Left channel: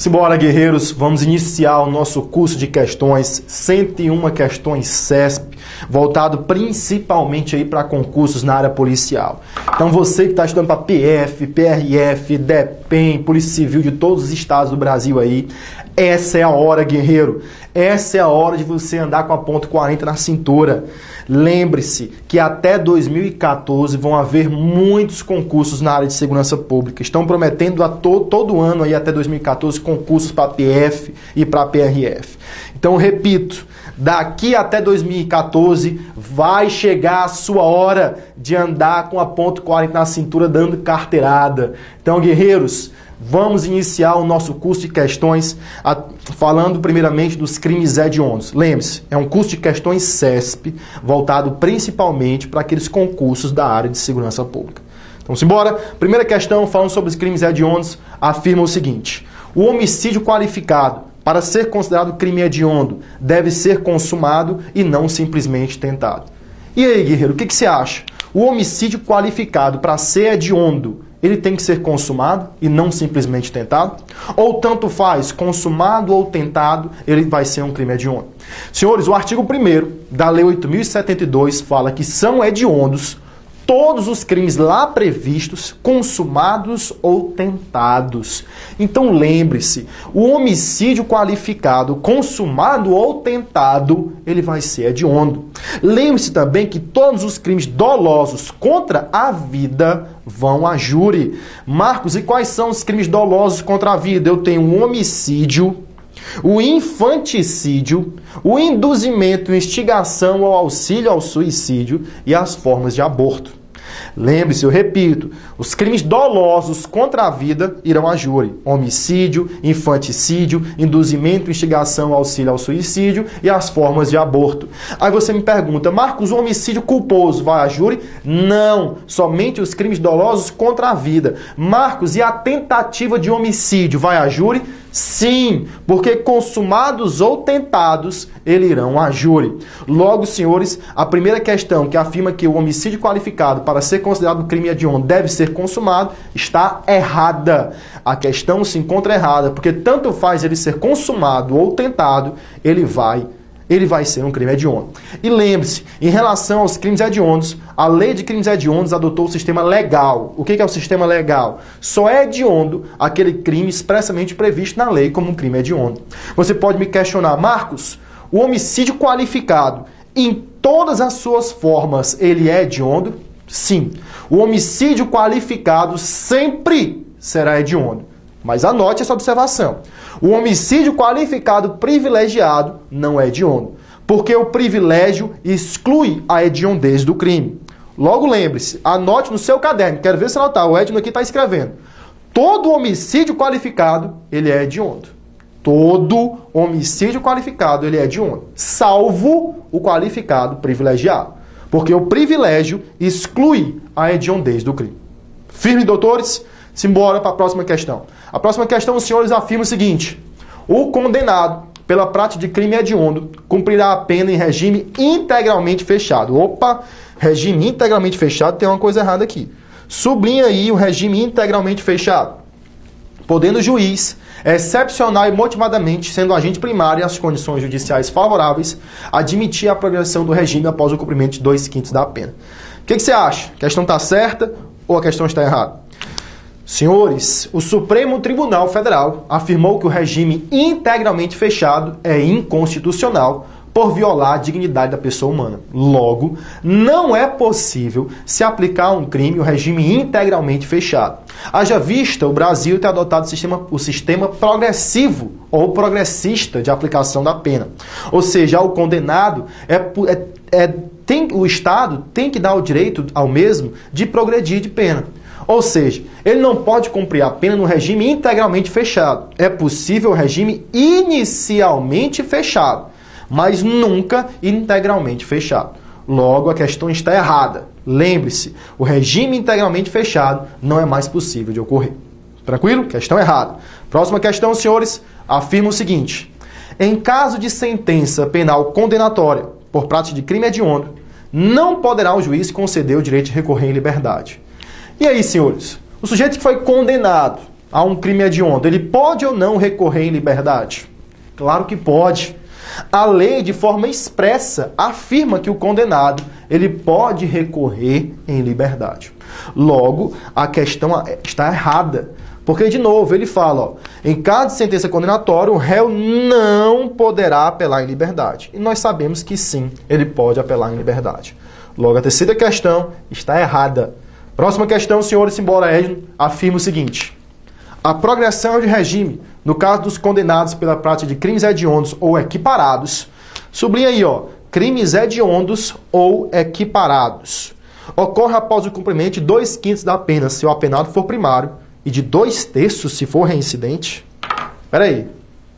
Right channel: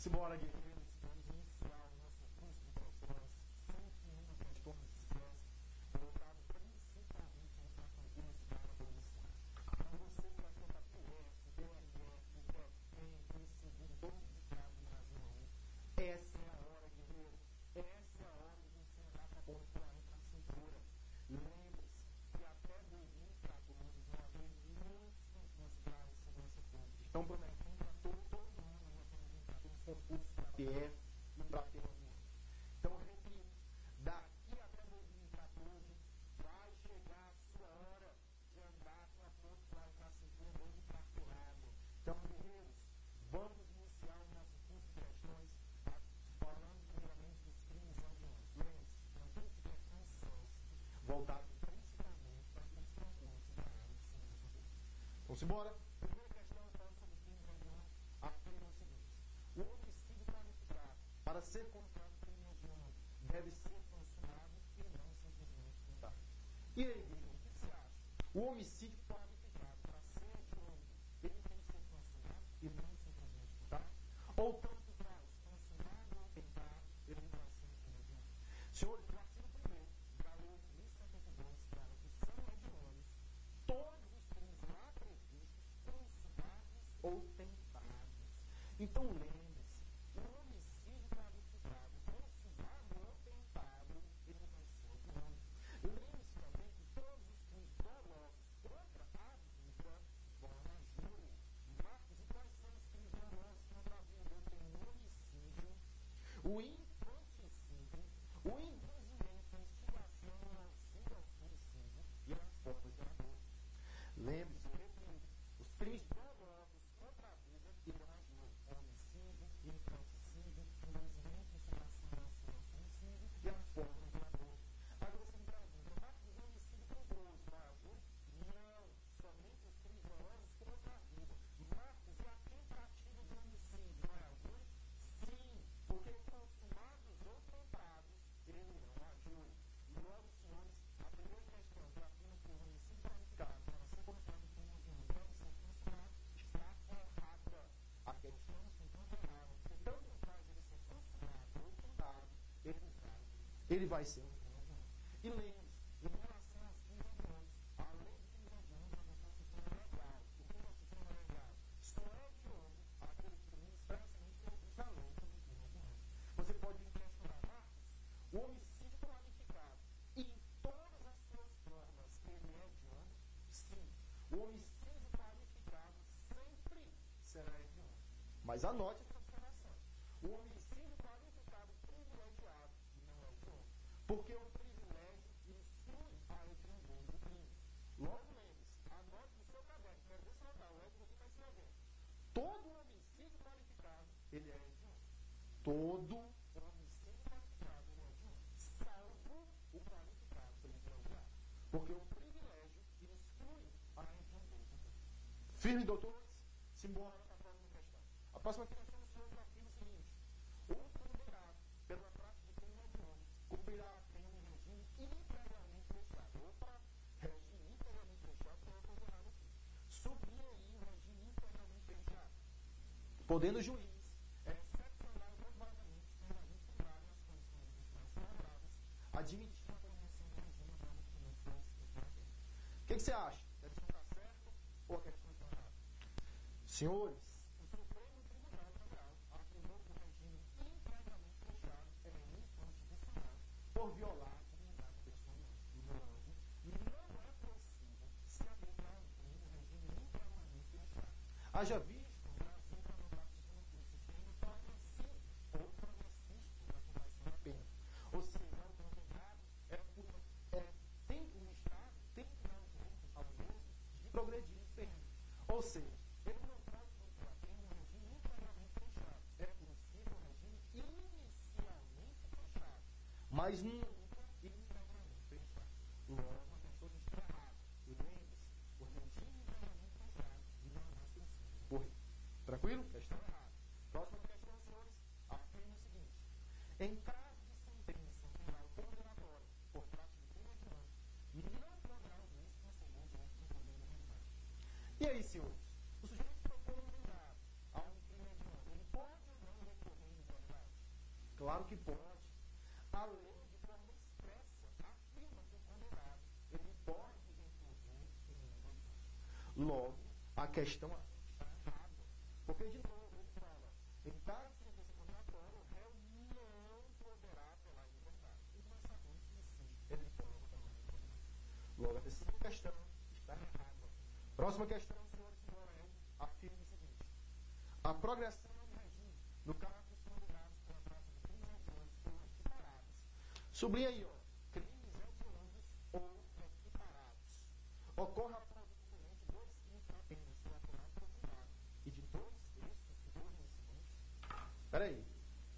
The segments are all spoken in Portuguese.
Simbora, guerreiros, vamos iniciar o nosso curso de questões, 101 questões CESP, voltado principalmente aí para concursos na área policial. Então você que está estudando para PF, PRF, DEPEN, Polícia Civil de todos os estados do Brasil aí, essa é a hora, guerreiro. Essa é a hora de você andar com a ponto 40 na cintura. Lembre-se que até 2014 vão haver muitos concursos na área de segurança pública. Estão prometendo a todo ano aí até 2014 concursos para PF e para PRF. Então, repito, daqui até 2014 vai chegar a sua hora de andar com a ponto 40 na cintura dando carteirada. Então, guerreiros, vamos iniciar o nosso curso de questões falando primeiramente dos crimes hediondos. Lembre-se, é um curso de questões CESP voltado principalmente para aqueles concursos da área de segurança pública. Então, simbora. Primeira questão, falando sobre os crimes hediondos, afirma o seguinte: o homicídio qualificado, para ser considerado crime hediondo, deve ser consumado e não simplesmente tentado. E aí, guerreiro, o que você acha? O homicídio qualificado, para ser hediondo, ele tem que ser consumado e não simplesmente tentado? Ou tanto faz, consumado ou tentado, ele vai ser um crime hediondo? Senhores, o artigo 1º da Lei 8.072 fala que são hediondos todos os crimes lá previstos, consumados ou tentados. Então lembre-se, o homicídio qualificado, consumado ou tentado, ele vai ser hediondo. Lembre-se também que todos os crimes dolosos contra a vida vão a júri. Marcos, e quais são os crimes dolosos contra a vida? Eu tenho o homicídio, o infanticídio, o induzimento, instigação ou auxílio ao suicídio e as formas de aborto. Lembre-se, eu repito, os crimes dolosos contra a vida irão a júri. Homicídio, infanticídio, induzimento, instigação, auxílio ao suicídio e as formas de aborto. Aí você me pergunta, Marcos, o homicídio culposo vai a júri? Não, somente os crimes dolosos contra a vida. Marcos, e a tentativa de homicídio vai a júri? Sim, porque consumados ou tentados, eles irão a júri. Logo, senhores, a primeira questão que afirma que o homicídio qualificado para ser considerado crime hediondo deve ser consumado, está errada. A questão se encontra errada, porque tanto faz ele ser consumado ou tentado, ele vai ser um crime hediondo. E lembre-se, em relação aos crimes hediondos, a lei de crimes hediondos adotou o sistema legal. O que é o sistema legal? Só é hediondo aquele crime expressamente previsto na lei como um crime hediondo. Você pode me questionar, Marcos, o homicídio qualificado, em todas as suas formas, ele é hediondo? Sim. O homicídio qualificado sempre será hediondo. Mas anote essa observação. O homicídio qualificado privilegiado não é hediondo, porque o privilégio exclui a hediondez do crime. Logo lembre-se, anote no seu caderno, quero ver se anotar, o Edno aqui está escrevendo. Todo homicídio qualificado, ele é hediondo. Todo homicídio qualificado, ele é hediondo, salvo o qualificado privilegiado, porque o privilégio exclui a hediondez do crime. Firme, doutores? Simbora para a próxima questão. A próxima questão, os senhores afirmam o seguinte: o condenado pela prática de crime hediondo cumprirá a pena em regime integralmente fechado. Opa, regime integralmente fechado, tem uma coisa errada aqui. Sublinha aí o regime integralmente fechado. Podendo o juiz, excepcional e motivadamente, sendo agente primário e as condições judiciais favoráveis, admitir a progressão do regime após o cumprimento de 2/5 da pena. O que você acha? A questão está certa ou a questão está errada? Senhores, o Supremo Tribunal Federal afirmou que o regime integralmente fechado é inconstitucional por violar a dignidade da pessoa humana. Logo, não é possível se aplicar a um crime o regime integralmente fechado. Haja vista o Brasil ter adotado o sistema progressivo ou progressista de aplicação da pena. Ou seja, ao condenado, o Estado tem que dar o direito ao mesmo de progredir de pena. Ou seja, ele não pode cumprir a pena no regime integralmente fechado. É possível o regime inicialmente fechado, mas nunca integralmente fechado. Logo, a questão está errada. Lembre-se, o regime integralmente fechado não é mais possível de ocorrer. Tranquilo? Questão errada. Próxima questão, senhores, afirma o seguinte: em caso de sentença penal condenatória por prática de crime hediondo, não poderá o juiz conceder o direito de recorrer em liberdade. E aí, senhores, o sujeito que foi condenado a um crime hediondo, ele pode ou não recorrer em liberdade? Claro que pode. A lei, de forma expressa, afirma que o condenado ele pode recorrer em liberdade. Logo, a questão está errada. Porque, de novo, ele fala, ó, em caso de sentença condenatória, o réu não poderá apelar em liberdade. E nós sabemos que sim, ele pode apelar em liberdade. Logo, a terceira questão está errada. Próxima questão, senhor Simbora Edno, afirma o seguinte. A progressão de regime, no caso dos condenados pela prática de crimes hediondos ou equiparados, sublinha aí, ó, crimes hediondos ou equiparados, ocorre após o cumprimento de 2/5 da pena, se o apenado for primário, e de 2/3 se for reincidente. Espera aí,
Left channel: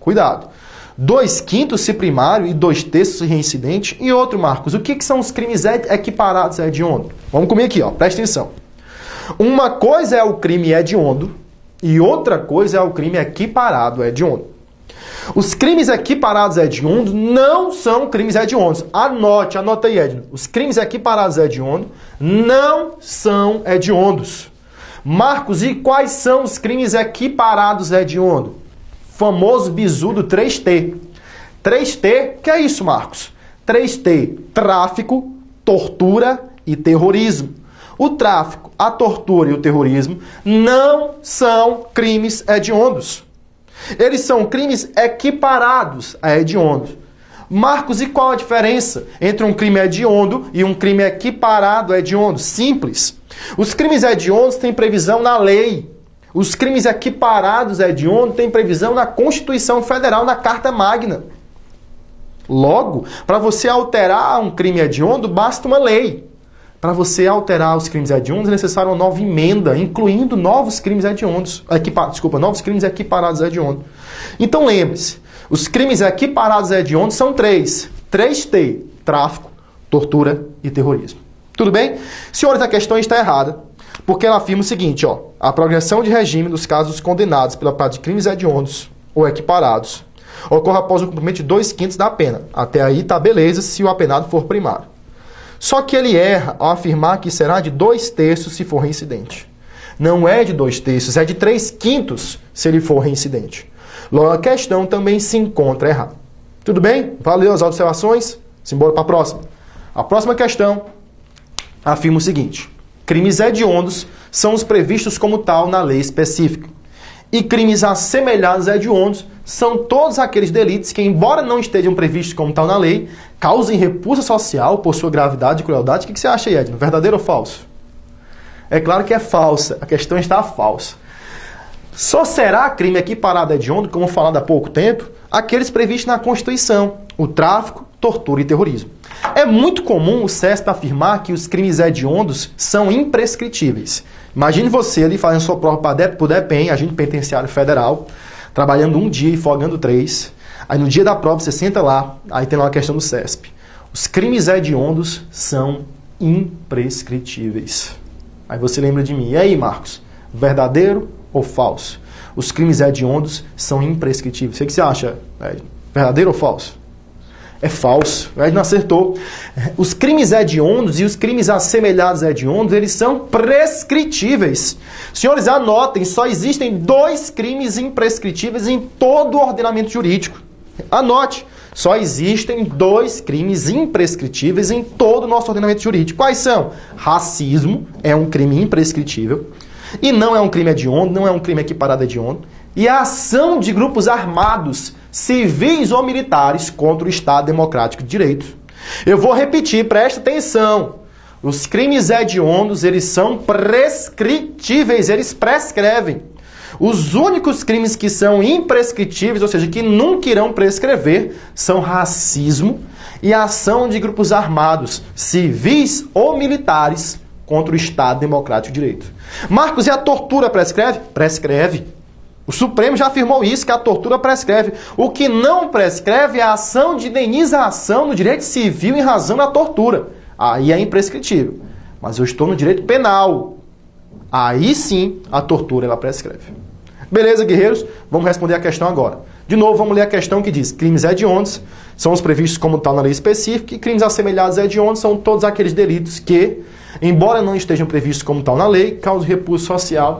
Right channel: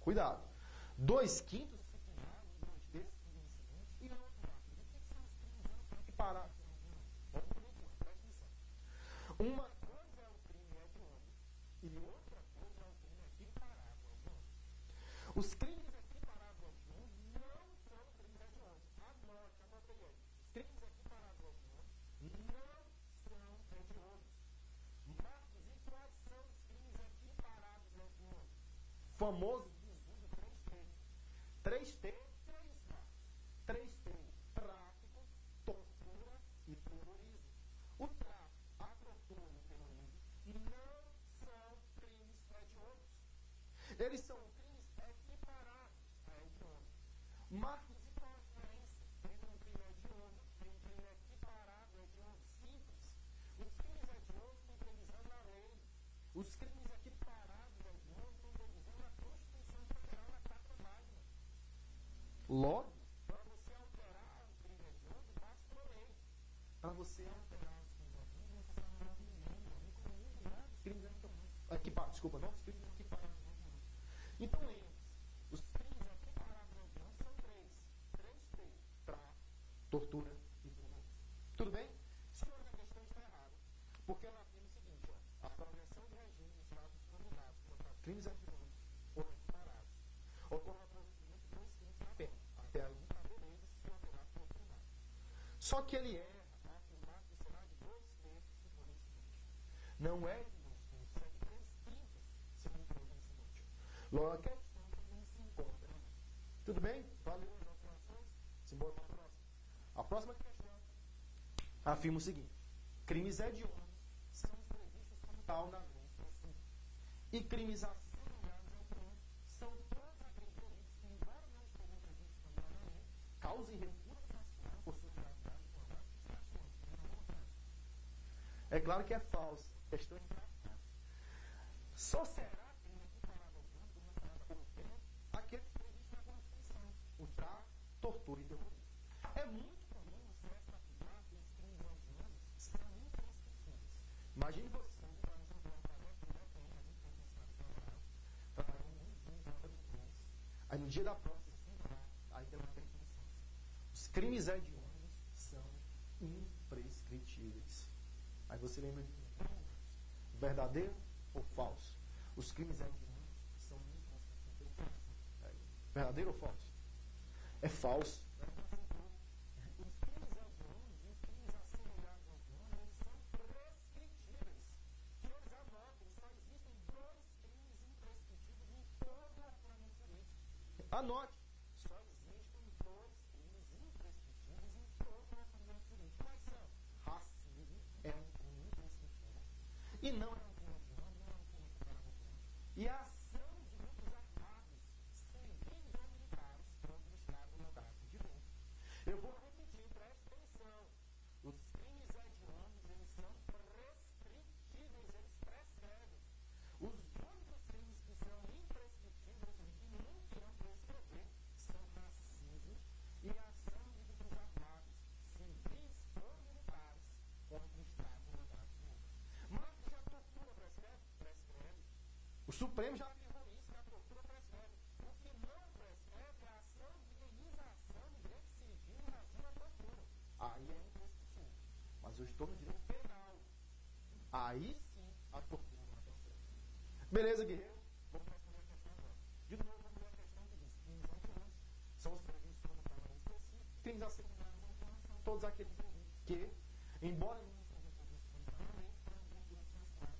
cuidado. 2/5 se primário e 2/3 se reincidente. E outro, Marcos, o que são os crimes equiparados hediondos? Vamos comigo aqui, ó, presta atenção. Uma coisa é o crime hediondo e outra coisa é o crime equiparado hediondo. Os crimes equiparados hediondos não são crimes hediondos. Anota aí, Edno. Os crimes equiparados hediondos não são hediondos. Marcos, e quais são os crimes equiparados hediondos? Famoso bizu do 3T. 3T, que é isso, Marcos? 3T, tráfico, tortura e terrorismo. O tráfico, a tortura e o terrorismo não são crimes hediondos. Eles são crimes equiparados a hediondos. Marcos, e qual a diferença entre um crime hediondo e um crime equiparado a hediondo? Simples. Os crimes hediondos têm previsão na lei. Os crimes equiparados a hediondo têm previsão na Constituição Federal, na Carta Magna. Logo, para você alterar um crime hediondo, basta uma lei. Para você alterar os crimes hediondos, é necessário uma nova emenda, incluindo novos crimes hediondos. Novos crimes equiparados a hediondo. Então lembre-se, os crimes equiparados a hediondo são 3T, tráfico, tortura e terrorismo. Tudo bem? Senhores, a questão está errada, porque ela afirma o seguinte, ó, a progressão de regime dos casos condenados pela prática de crimes hediondos ou equiparados ocorre após o cumprimento de 2/5 da pena. Até aí tá beleza se o apenado for primário. Só que ele erra ao afirmar que será de 2/3 se for reincidente. Não é de 2/3, é de 3/5 se ele for reincidente. Logo, a questão também se encontra errada. Tudo bem? Valeu as observações? Simbora para a próxima. A próxima questão afirma o seguinte. Crimes hediondos são os previstos como tal na lei específica. E crimes assemelhados a hediondos são todos aqueles delitos que, embora não estejam previstos como tal na lei, causem repulsa social por sua gravidade e crueldade. O que você acha aí, Edno? Verdadeiro ou falso? É claro que é falsa. A questão está falsa. Só será crime equiparado a hediondo, como falado há pouco tempo, aqueles previstos na Constituição, o tráfico, tortura e terrorismo. É muito comum o CESP afirmar que os crimes hediondos são imprescritíveis. Imagine você ali fazendo sua prova para o DEPEN, agente penitenciário federal, trabalhando um dia e folgando 3. Aí no dia da prova você senta lá, aí tem lá uma questão do CESP. Os crimes hediondos são imprescritíveis. Aí você lembra de mim. E aí, Marcos? Verdadeiro ou falso? Os crimes hediondos são imprescritíveis. O que você acha? Verdadeiro ou falso? É falso. O Edno acertou. Os crimes hediondos e os crimes assemelhados a hediondos, eles são prescritíveis. Senhores, anotem, só existem 2 crimes imprescritíveis em todo o ordenamento jurídico. Anote, só existem 2 crimes imprescritíveis em todo o nosso ordenamento jurídico. Quais são? Racismo é um crime imprescritível e não é um crime hediondo, não é um crime equiparado a hediondo. E a ação de grupos armados, civis ou militares, contra o Estado Democrático de Direito. Eu vou repetir, presta atenção. Os crimes hediondos, eles são prescritíveis, eles prescrevem. Os únicos crimes que são imprescritíveis, ou seja, que nunca irão prescrever, são racismo e ação de grupos armados, civis ou militares, contra o Estado Democrático de Direito. Marcos, e a tortura prescreve? Prescreve. O Supremo já afirmou isso, que a tortura prescreve. O que não prescreve é a ação de indenização no direito civil em razão da tortura. Aí é imprescritível. Mas eu estou no direito penal. Aí sim a tortura ela prescreve. Beleza, guerreiros? Vamos responder a questão agora. De novo, vamos ler a questão que diz: crimes hediondos são os previstos como tal na lei específica e crimes assemelhados a hediondos são todos aqueles delitos que, embora não estejam previstos como tal na lei, causam repulso social